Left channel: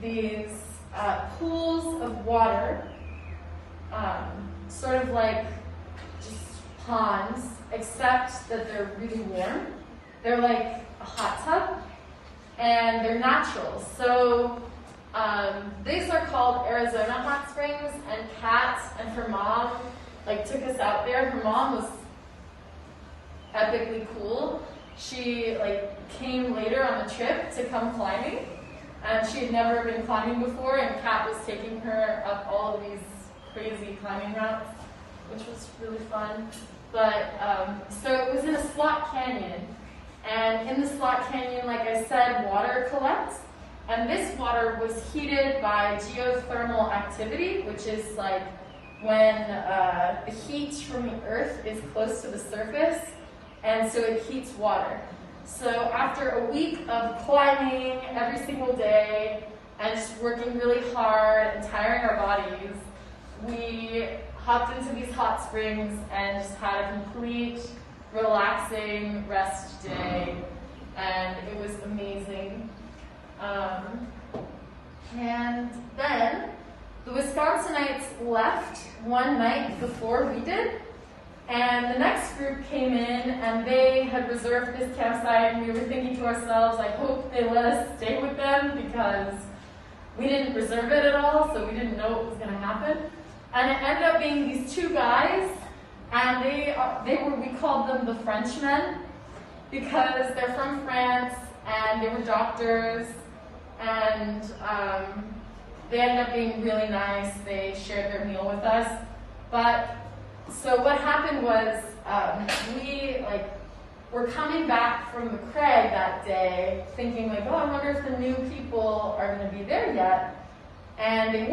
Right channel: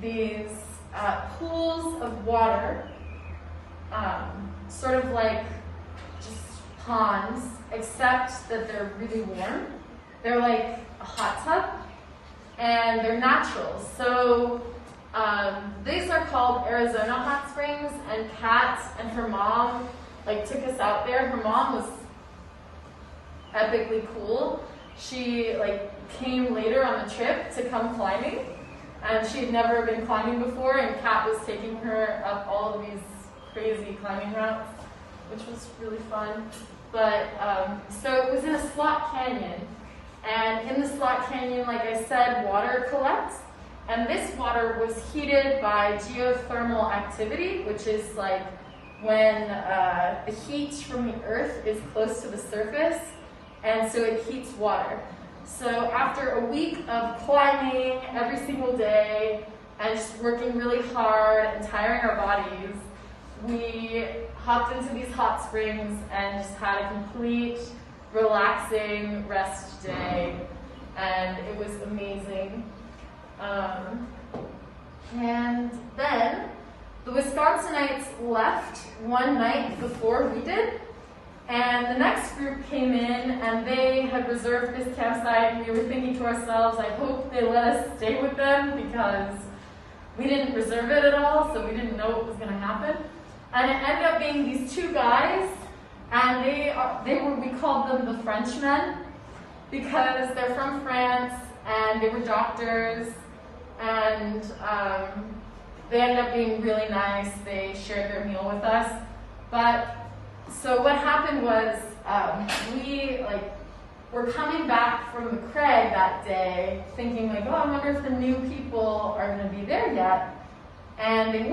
these pools of water, sort of like just ponds, except that they're really warm. They're like a hot tub, and they're natural. So these are called Arizona hot springs, and Kat and her mom took us out there. Her mom was epically cool. She came later on a trip to come climbing, and she had never been climbing before, and Kat was taking her up all of these crazy climbing routes, which was really fun. But so it was in a slot canyon, and in the slot canyon, like I said, water collects, and this water was heated by geothermal activity, which is like when the heat from the earth is close to the surface, and so it heats water. So after a week of climbing every single day and just working really hard and tiring our bodies, we hopped into these hot springs and just had a complete relaxing rest day, and it was amazing. And then the Wisconsinites left one night before we did, and the next group came in, and they had reserved this campsite, and we were thinking to ourselves, I hope they let us stay with them, because we didn't reserve it at all, so we didn't know what was going to happen. And it ended up being these two guys, and we called them the Frenchmen, because they're from France, and they were doctors, and they ended up being really nice. They shared their meal with us. So what happened was, we were coming back from the crag that day, thinking oh, I wonder if the new people are going to be there yet. And they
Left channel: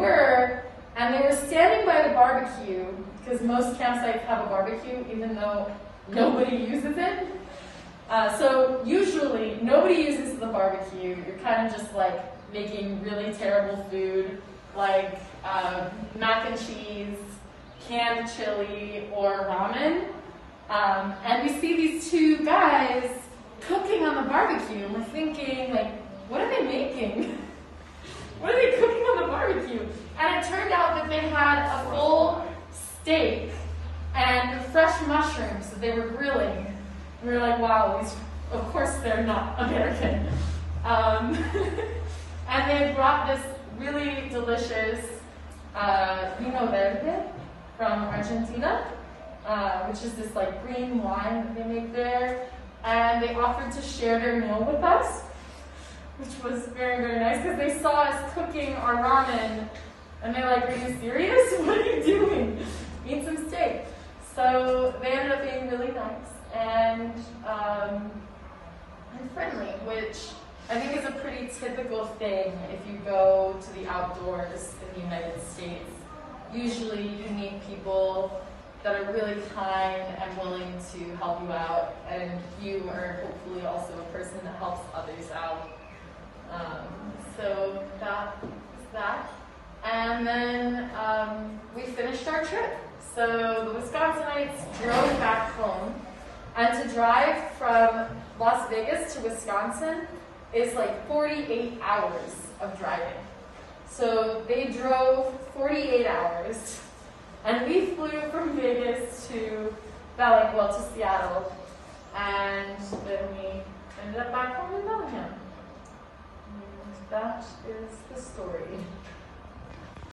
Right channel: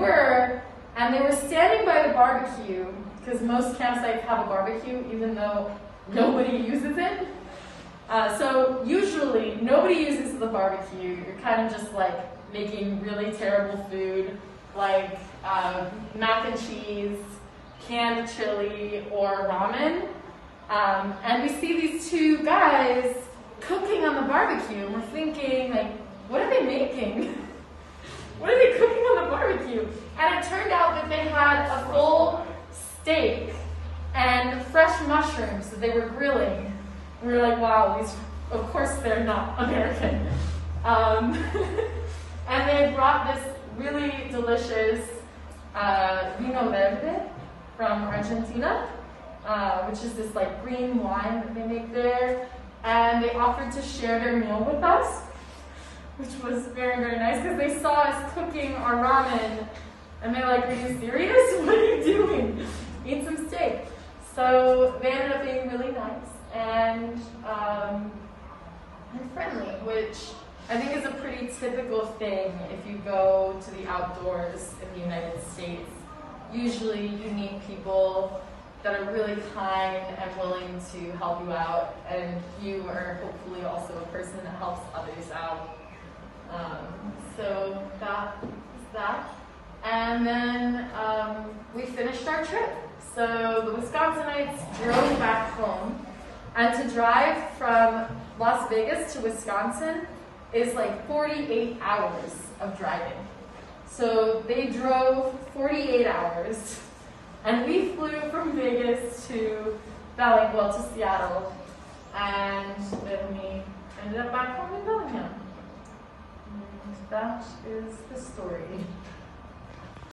were standing by the barbecue, because most campsites have a barbecue, even though nobody uses it. So usually nobody uses the barbecue. You're kind of just making really terrible food, like mac and cheese, canned chili, or ramen. And we see these two guys cooking on the barbecue, and we're thinking, what are they making? What are they cooking on the barbecue? And it turned out that they had a full steak and fresh mushrooms that they were grilling. And we were like, wow, of course they're not American. And they brought this really delicious vino verde from Argentina, which is this green wine that they make there. And they offered to share their meal with us, which was very, very nice, because they saw us cooking our ramen, and they were like, are you serious? What are you doing? Eat some steak. So they ended up being really nice and friendly, which I think is a pretty typical thing if you go to the outdoors in the United States. Usually you meet people that are really kind and willing to help you out, and you are hopefully also a person that helps others out. So that was that. And then we finished our trip. So the Wisconsinites drove back home, and to drive from Las Vegas to Wisconsin is 48 hours of driving. So they drove 48 hours, and we flew from Vegas to to Seattle, and then we ended up back home in Bellingham. And that is the story.